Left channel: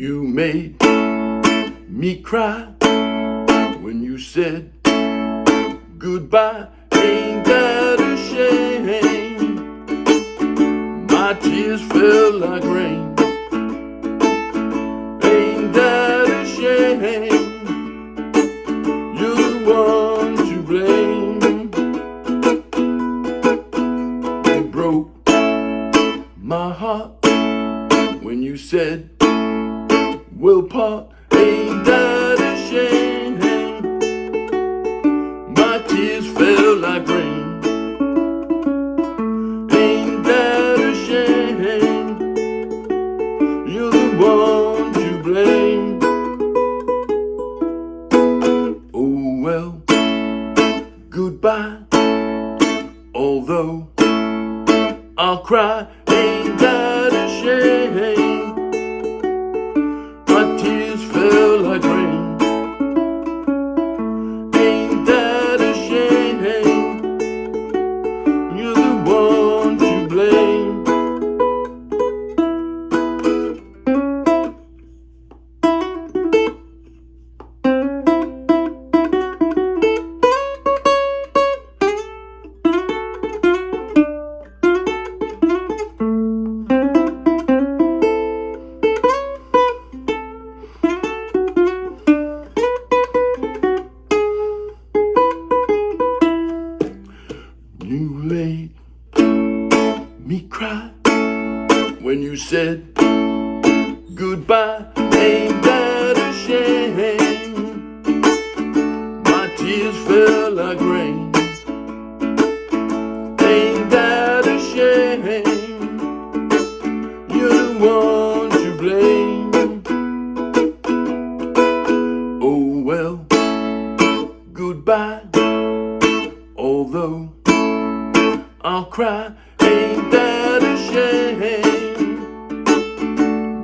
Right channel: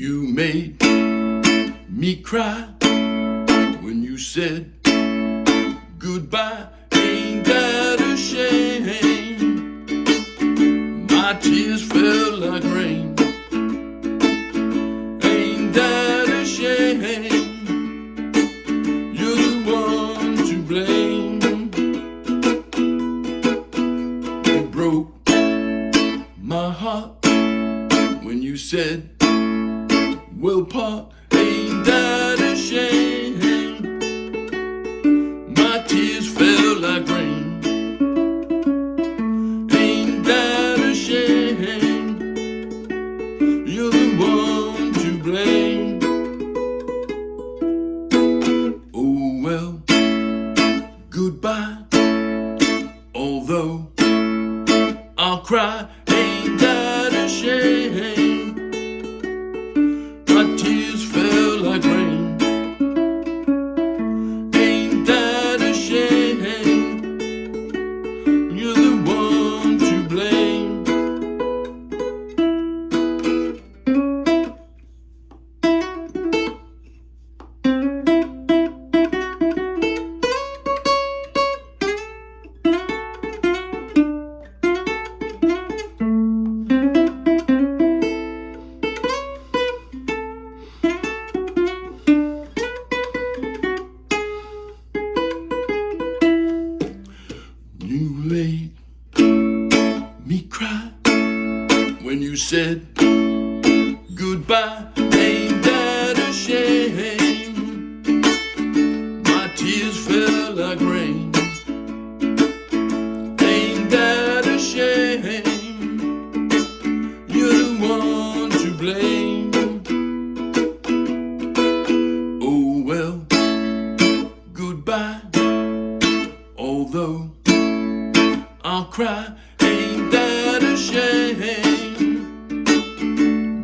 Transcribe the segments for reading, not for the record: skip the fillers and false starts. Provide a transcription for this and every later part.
You made me cry when you said goodbye. Ain't that a shame? My tears fell like rain. Ain't that a shame? You're the one to blame. You broke my heart when you said we'll part. Ain't that a shame? My tears fell like rain. Ain't that a shame? You're the one to blame. Oh well, goodbye. Although I'll cry, ain't that a shame? My tears fell like rain. Ain't that a shame? You're the one to blame. You made me cry when you said goodbye. Ain't that a shame? My tears fell like rain. Ain't that a shame? You're the one to blame. Oh well, goodbye. Although I'll cry, ain't that a shame?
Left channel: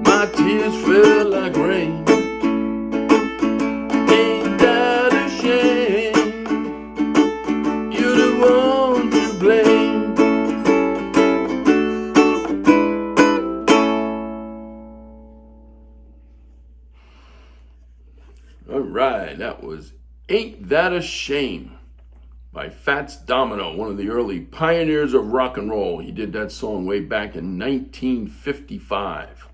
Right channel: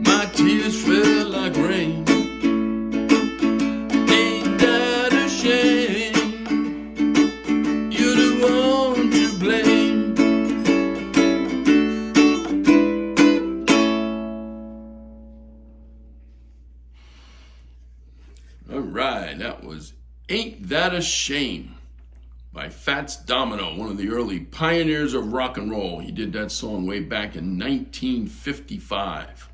My tears fell like rain. Ain't that a shame? You're the one to blame. All right, that was Ain't That a Shame by Fats Domino, one of the early pioneers of rock and roll. He did that song way back in 1955.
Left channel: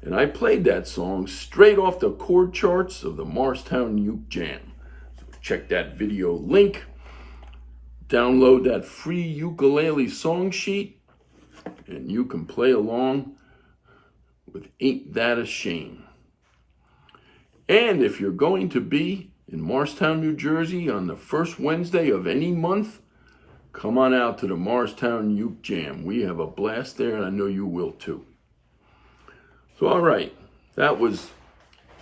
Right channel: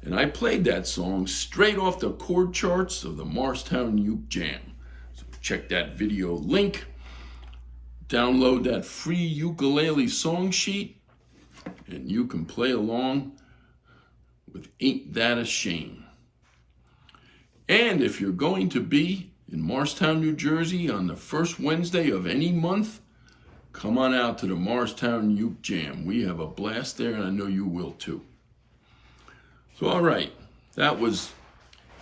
And I played that song straight off the chord charts of the Morristown Uke Jam. So check that video link, download that free ukulele song sheet, and you can play along with Ain't That a Shame. And if you're going to be in Morristown, New Jersey on the first Wednesday of any month, come on out to the Morristown Uke Jam. We have a blast there, and I know you will too. So, all right, that was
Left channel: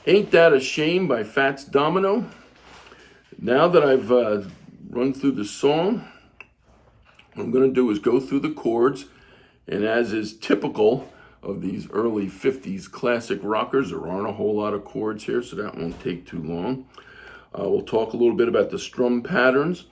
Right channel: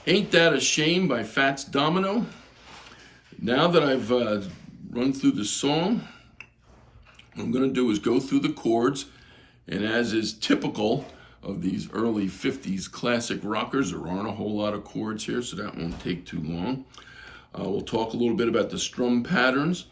Ain't That a Shame by Fats Domino. Now that I've run through the song, what I'm going to do is go through the chords, and as is typical of these early 50s classic rockers, there aren't a whole lot of chords here, so that won't take too long. We'll talk a little bit about the strum patterns,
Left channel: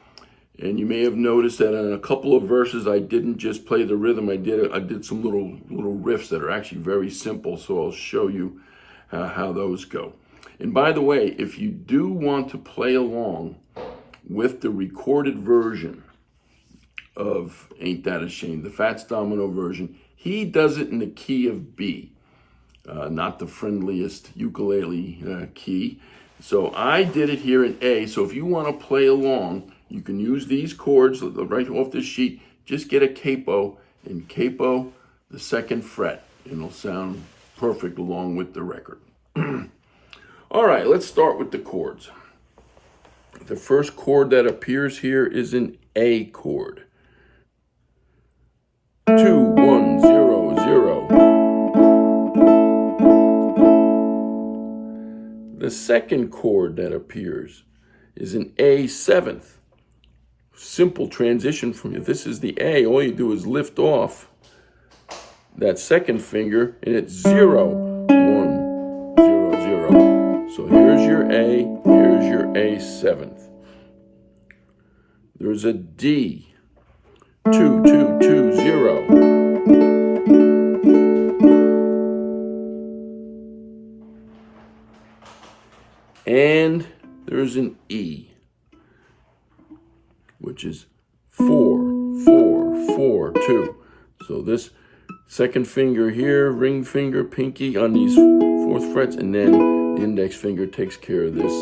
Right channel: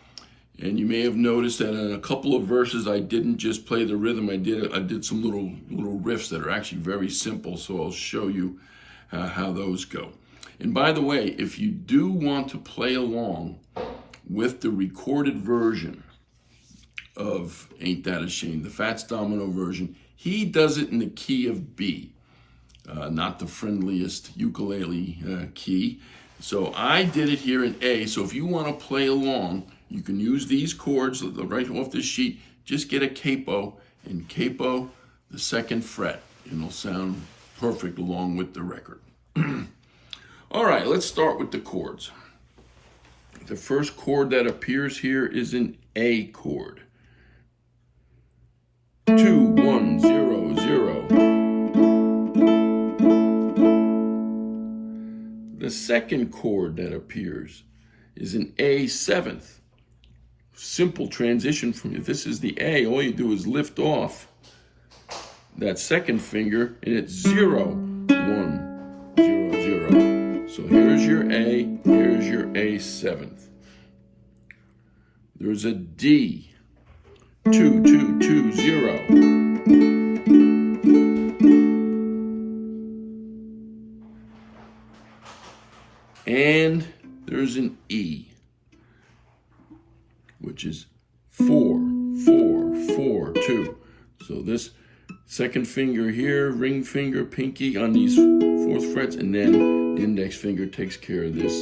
and you may have noticed that in a couple of verses I didn't just play the rhythm. I did some little riffs that are actually very simple, so I'll show you how those go. And by the way, if you do want to play along with the recorded version of Ain't That a Shame, the Fats Domino version, he does it in the key of B, not the friendliest ukulele key. So I did it here in A. So if you want to play along, you can use these chords right off the sheet. Just get a capo and capo the second fret, and it'll sound perfect along with the record. All right, let's start with the chords. The first chord that appears here is an A chord. 2, 1, 0, 0. The second chord that appears is an A seventh. Simple transition from, if this is the A, all you do is lift off that second finger and it's 0, 1, 0, 0. So here's your A, here's your A seventh. There's a D, 2, 2, 2, 0. And there's an E, which is 4, 4, 4, 2. So this second finger here, ring finger, pinky on these fourth frets, and then the index finger takes care of this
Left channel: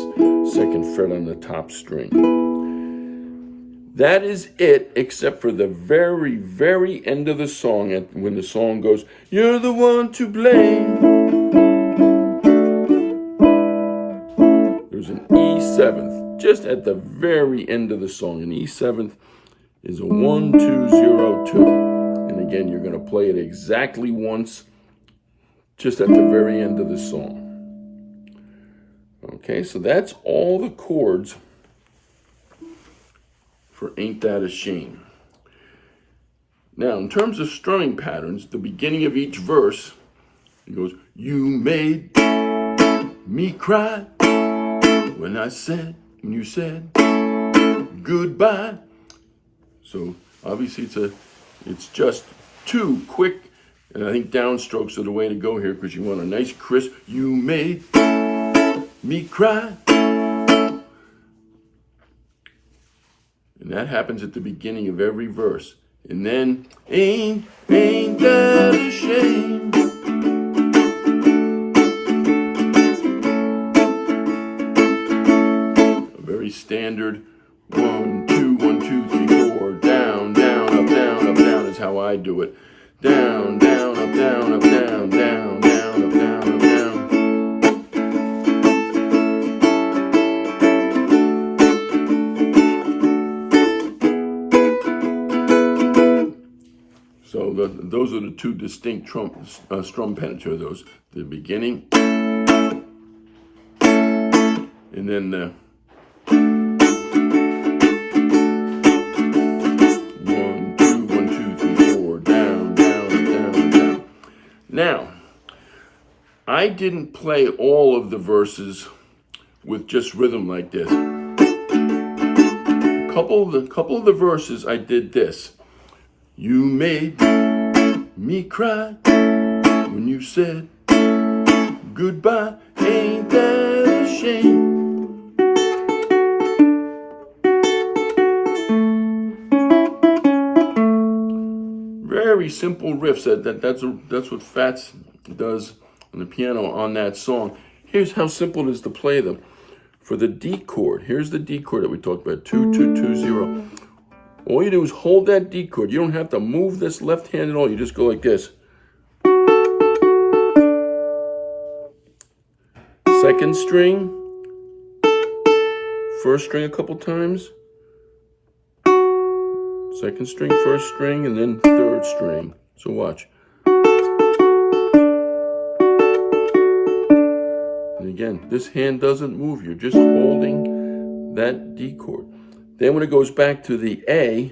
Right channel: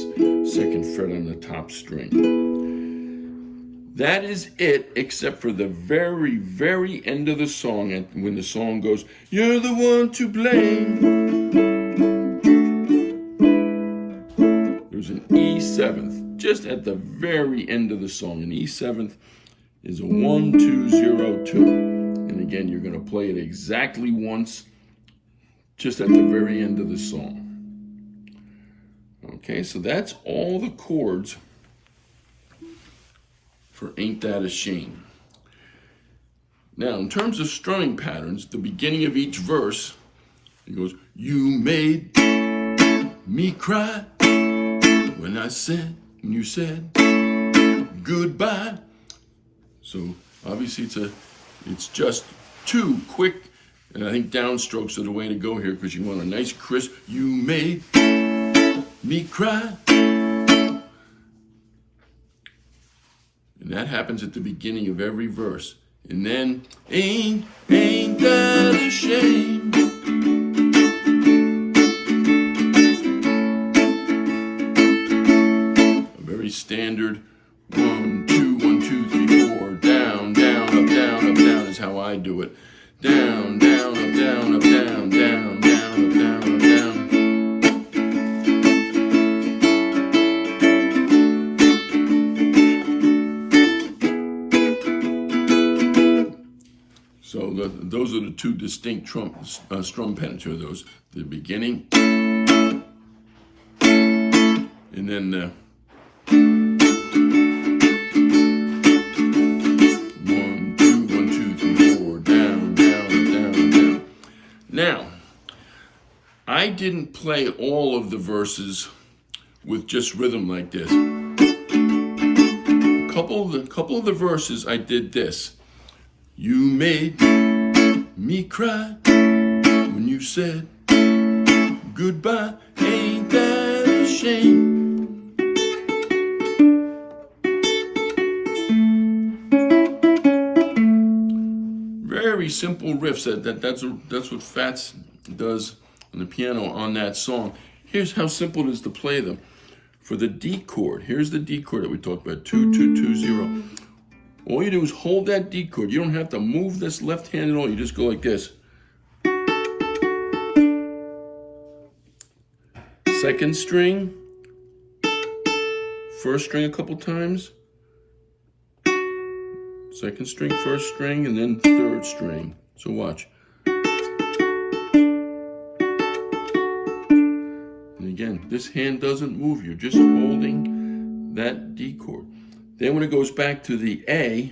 second fret on the top string. That is it, except for the very, very end of the song, when the song goes, "You're the one to blame." There's an E7th, just at the very end of the song. An E7th is a 1, 2, 0, 2. And again, you're going to play it exactly once, just at the very end of the song. Okay, so that's all the chords for Ain't That a Shame. Now, in terms of strumming patterns, the beginning of each verse, it goes, "You made me cry when you said goodbye." So obviously it's just 2 quick, and I think downstrokes are the way to go here, because you want a nice crisp, "You made me cry." And that happens at the beginning of every verse. And then, ain't that a shame? A very standard 1, 2, 1, 2, 3, 4, down, down, up, down, up, down is how I do it. Down, down, up, down, up, down, down, down, up, down, up, down. So those are the 2 distinct strum patterns. Those, the beginning, and then the 1, 2, 1, 2, 3, 4, down, down, down, down. Now, I didn't play all of the verses with just rhythm like this. A couple of the verses I did this. "You made me cry when you said goodbye. Ain't that a shame?" Very simple riffs. That's what Fats does on the piano on that song. Here's how simple it is to play them. For the D chord, here's the D chord that we talked about, 2, 2, 2, 0. All you do is hold that D chord. You don't have to move this left hand at all. You just go like this. Second string, first string a couple times. Second string, first string, and then third string. So watch. And again, this hand doesn't move. You're just holding that D chord. Then when it goes back to the A,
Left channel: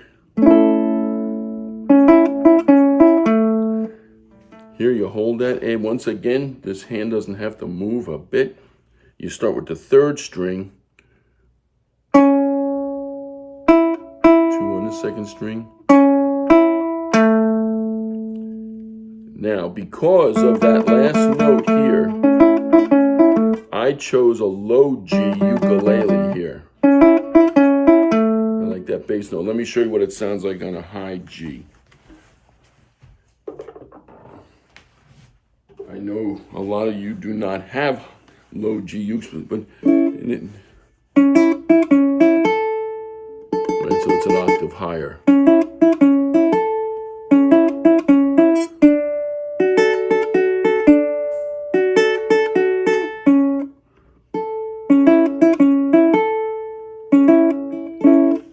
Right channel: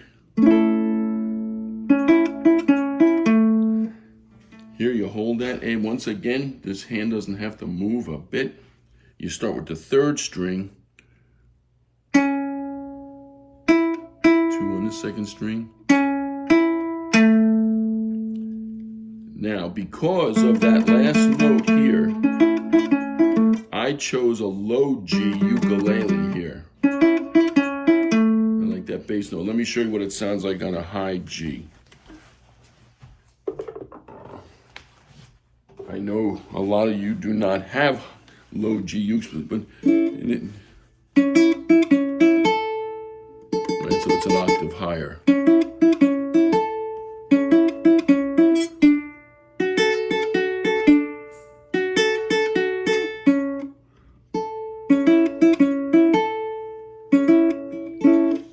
here you hold that A. Once again, this hand doesn't have to move a bit. You start with the third string, 2 on the second string. Now, because of that last note here, I chose a low G ukulele here. That bass note. Let me show you what it sounds like on a high G. I know a lot of you do not have low G ukes, but right, so it's an octave higher.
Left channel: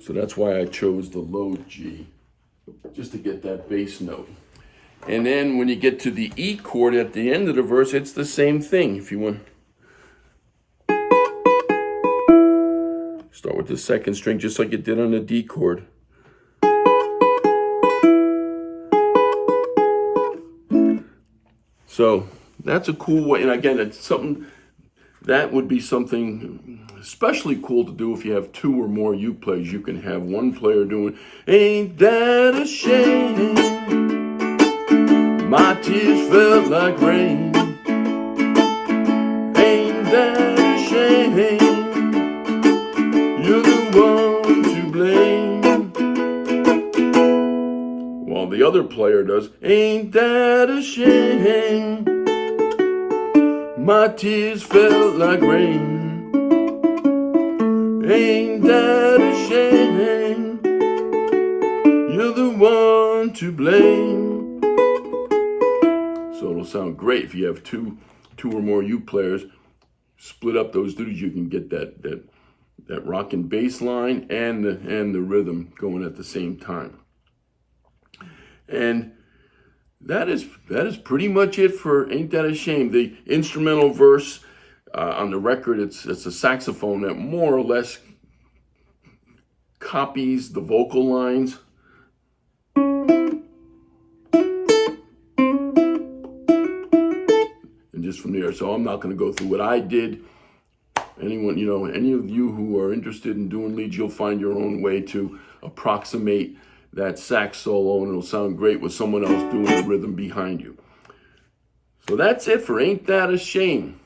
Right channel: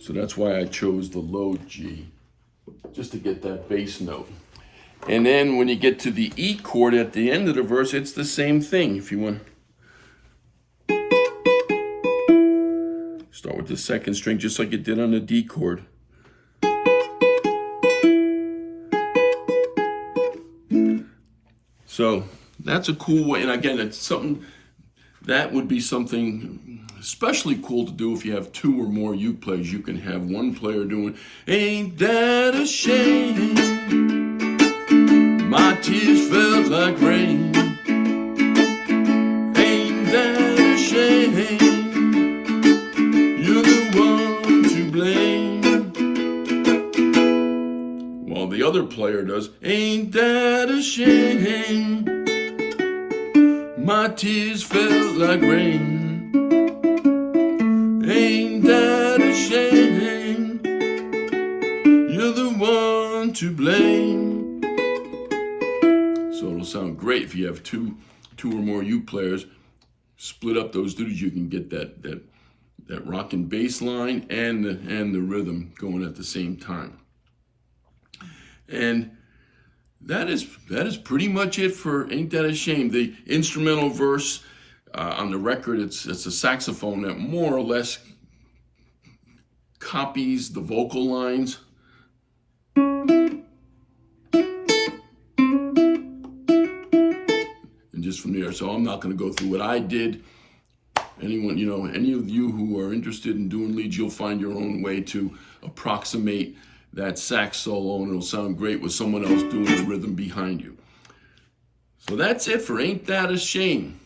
So that's why I chose the low G, just to get that bass note. And then when you get to the E chord at the end of the verse, it's the same thing. If you want, start with the second string, just like you did on the D chord. So that's a cool way. And again, it's something that would be something especially cool to do if you have 2 or more uke players. You can have one player doing, "Ain't that a shame? My tears felt like rain. Ain't that a shame? other player does. Ain't that a shame? My tears felt like rain. Ain't that a shame? You're the one to blame. So it'll sound great if you have two or more uke players. Split up those duties, you can get that rockin' bass line and the rhythm going at the same time. And that is pretty much it for Ain't That a Shame. The instrumental verse on the record, it's a saxophone that more or less copies the vocal lines. And just from there, so I'm not going to go through what I did. Anyone, any of you who are interested in doing leads, you'll find your own way to approximate that sax solo, and it'll sound great with someone else doing the rhythm behind you. So that's it for Ain't That a Shame.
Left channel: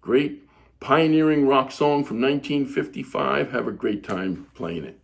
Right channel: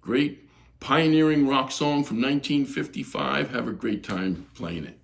Great pioneering rock song from 1955. Have a great time playing it.